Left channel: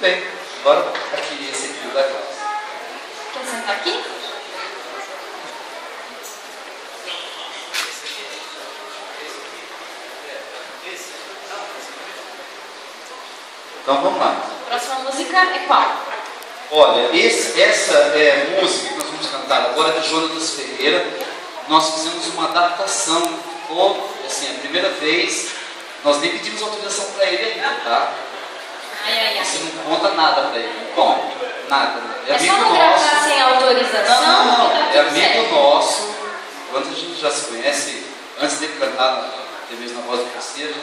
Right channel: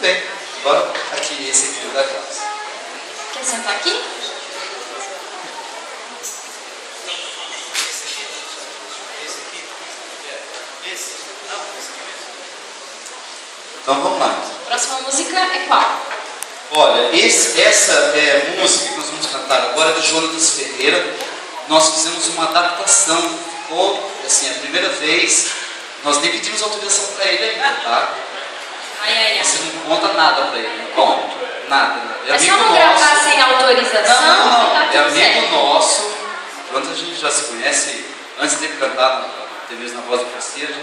Tudo bem. Agora, aqui, esse aqui da classe. Quer sentar aqui? Então vamos lá. Próxima música é qual? Olha, essa música que nós vamos cantar agora é do Jonatas Ferreira. Nós fizemos uma adaptação. Ficou, assim, a primeira vez. Nós nem pedimos autorização para ele ainda, tá? Você não conta nada para ele. Bom, nada. É só não gravar sem autorização? Não. Tá É amigo certo. nosso. Quando a gente já se conhece, antes dele cantar na Voz do Cacete,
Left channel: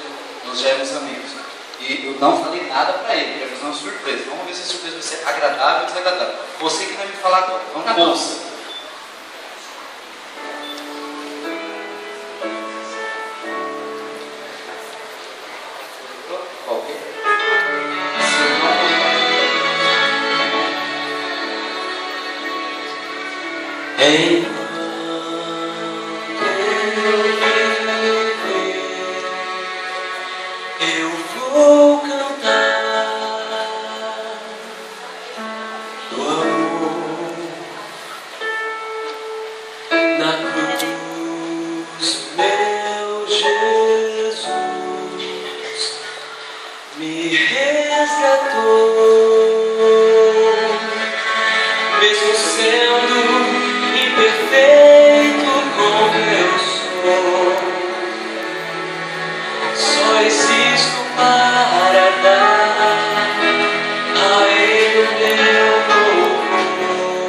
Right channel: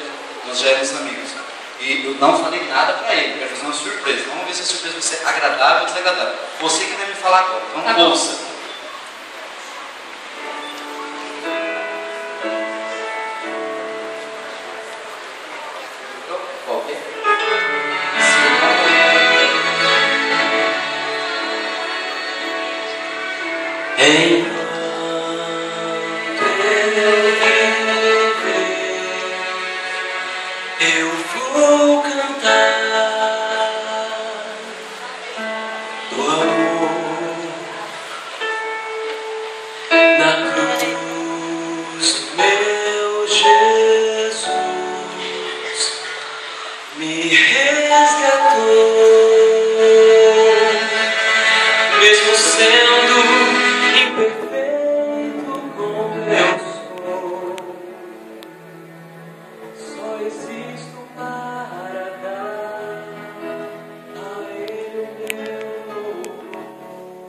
nós já éramos amigos. E eu não falei nada para ele, eu ia fazer uma surpresa. Vamos ver se a surpresa vai ser agradável ou desagradável. Você que vai me falar agora. Então, tá ouça. Eu vou cantar do amor na cruz, meu Jesus me resgatou, mesmo sendo imperfeito como eu sou. Só existo para dar a Ele o meu louvor,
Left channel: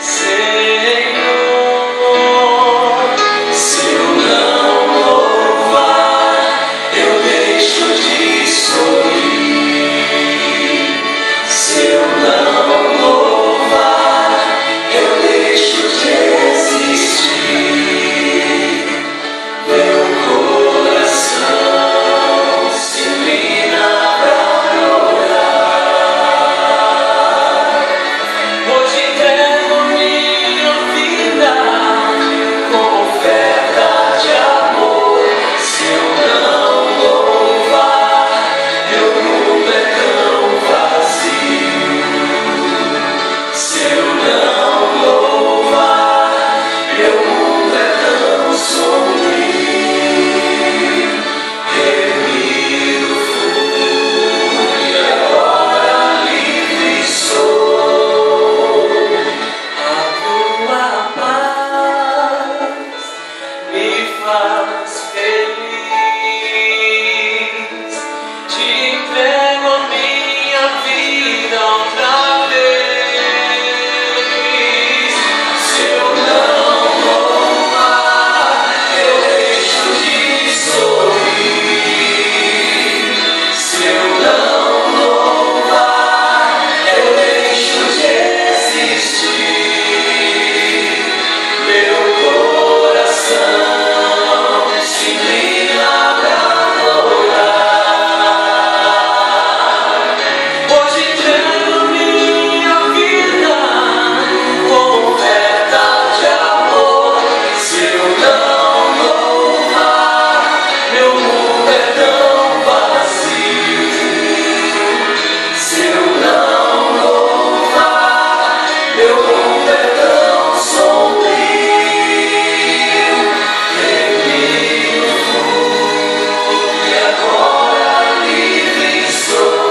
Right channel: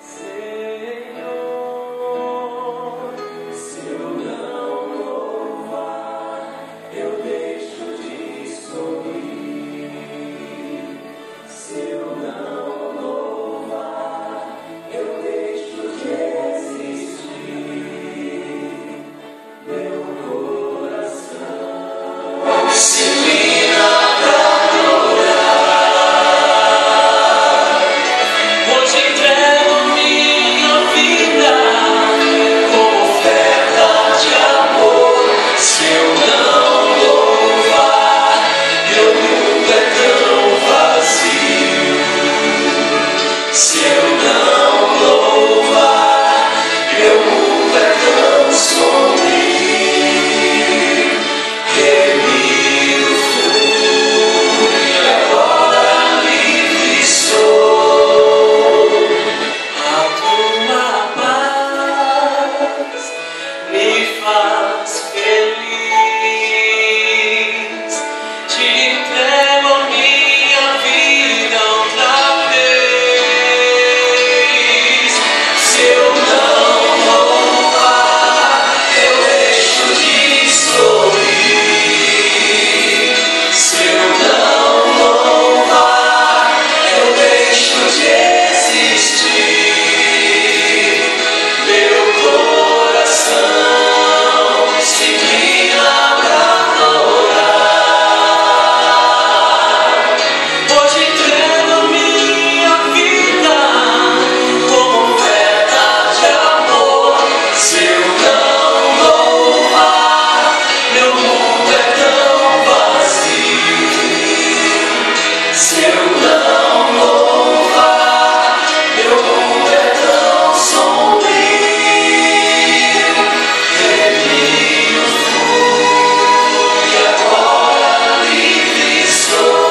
Senhor. Se eu não louvar, eu deixo de sorrir. Se eu não louvar, eu deixo de existir. Meu coração se inclina pra adorar. Hoje entrego minha vida como oferta de amor. Se eu não louvar, meu mundo é tão vazio. Se eu não louvar, meu mundo é tão sombrio. Remido fui, agora livre sou. A tua paz me faz feliz. Te entrego a minha vida outra vez. Se eu não louvar, eu deixo de sorrir. Se eu não louvar, eu deixo de existir. Meu coração se inclina pra adorar. Hoje entrego minha vida como oferta de amor. Se eu não louvar, meu mundo é tão vazio. Se eu não louvar, meu mundo é tão sombrio. Remido fui, agora livre sou.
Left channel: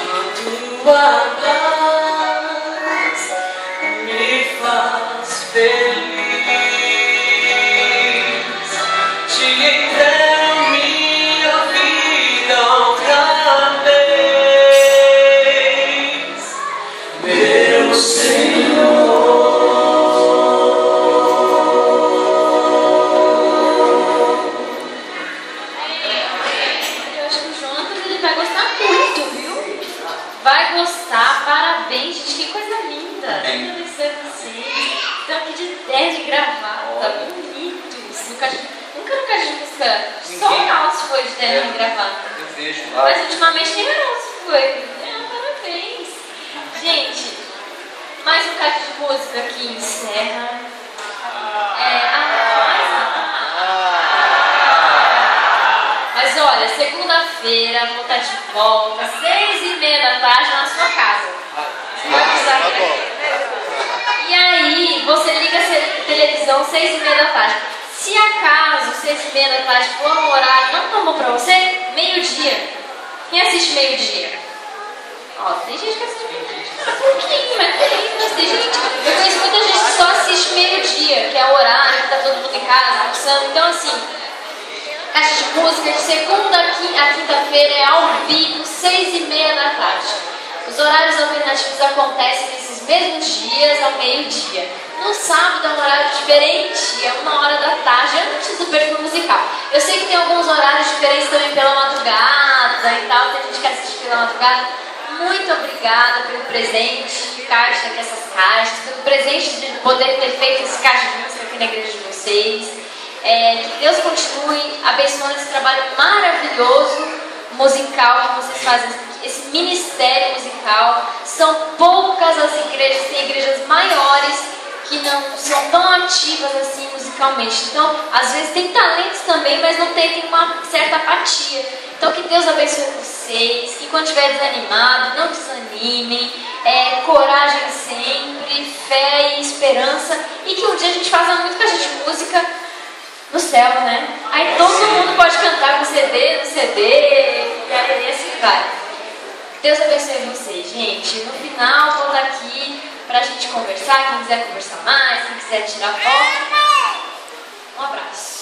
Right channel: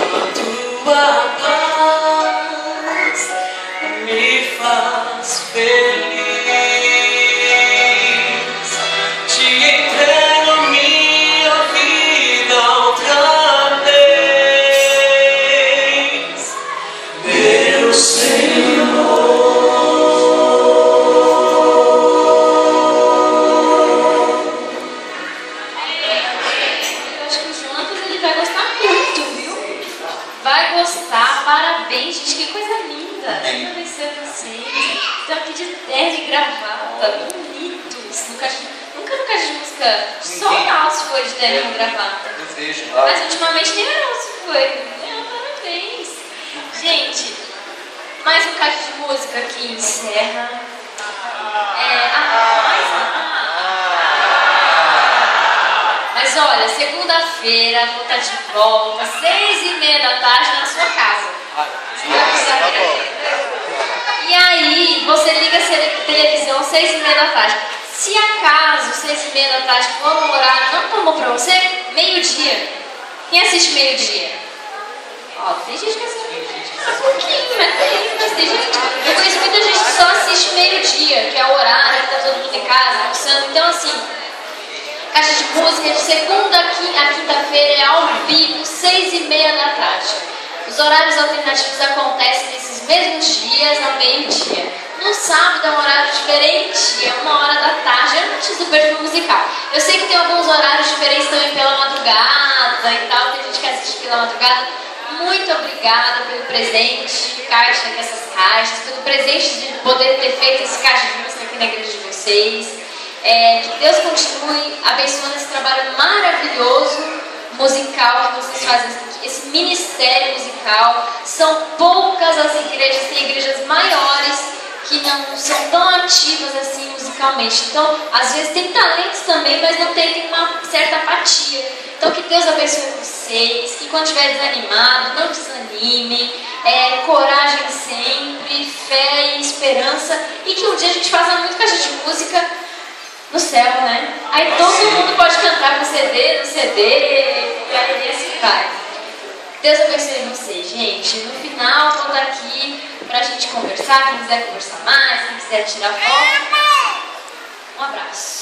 A tua paz me faz feliz. Te entrego minha vida outra vez, meu Senhor. Eu acho que o Jonatas ele vai gostar muito, viu? Vai gostar, parabéns, gente, que coisa linda. Eu conhecer vocês. Estão aqui de terno e gravata, bonitos. Nunca no caixa de música, só o Alcio foi de terno e gravata. Eu vejo lá. Mas ultimamente nem o Alcio foi. Parabéns. Gente, mais um caixa de música que encerra. quinta-feira, vou estar de volta, 6h30 da tarde na sua casa. E aí, você liga a televisão 6h30 da tarde. Se acaso 6h30 da tarde for um horário, não tomou pra você? Meio-dia. Quem assiste meio-dia? Ó, tem gente que assiste meio-dia. Um pouquinho, mas tem gente. Eu conheço muita gente que só assiste meio-dia, que é o horário que tá todo mundo em casa, almoçando. Então, assim, caixa de música de segunda a quinta-feira é ao vivo, 6h30 da tarde. Os horários alternativos acontecem nesses mesmos dias, ao meio-dia. No sábado é um horário diferente, é 1h da tarde, antes do perfil musical. Eu sei que tem alguns horários diferentes também pela madrugada e tal, tem gente que assiste pela madrugada. Muito obrigada pelo presente, caixa, essas caixas, pelo presente de poder ter feito esse caixa de música aqui na igreja de vocês. Que Deus continue abençoando esse trabalho maravilhoso musical que vocês fazem, esse ministério musical. São poucas as igrejas, tem igrejas maiores que não são tão ativas assim musicalmente. Então, às vezes tem talentos também, mas não tem uma certa apatia. Então, que Deus abençoe vocês, que quando estiver desanimado, não desanimem, coragem sempre, fé e esperança, e que um dia a gente faça muito caixa de música no céu, né? Aí todo mundo pode cantar com CD, no CD, e aí assim vai. Deus abençoe vocês, gente. No final, vou estar aqui pra gente conversar, quem quiser conversar mais, quem quiser tirar foto. Um abraço.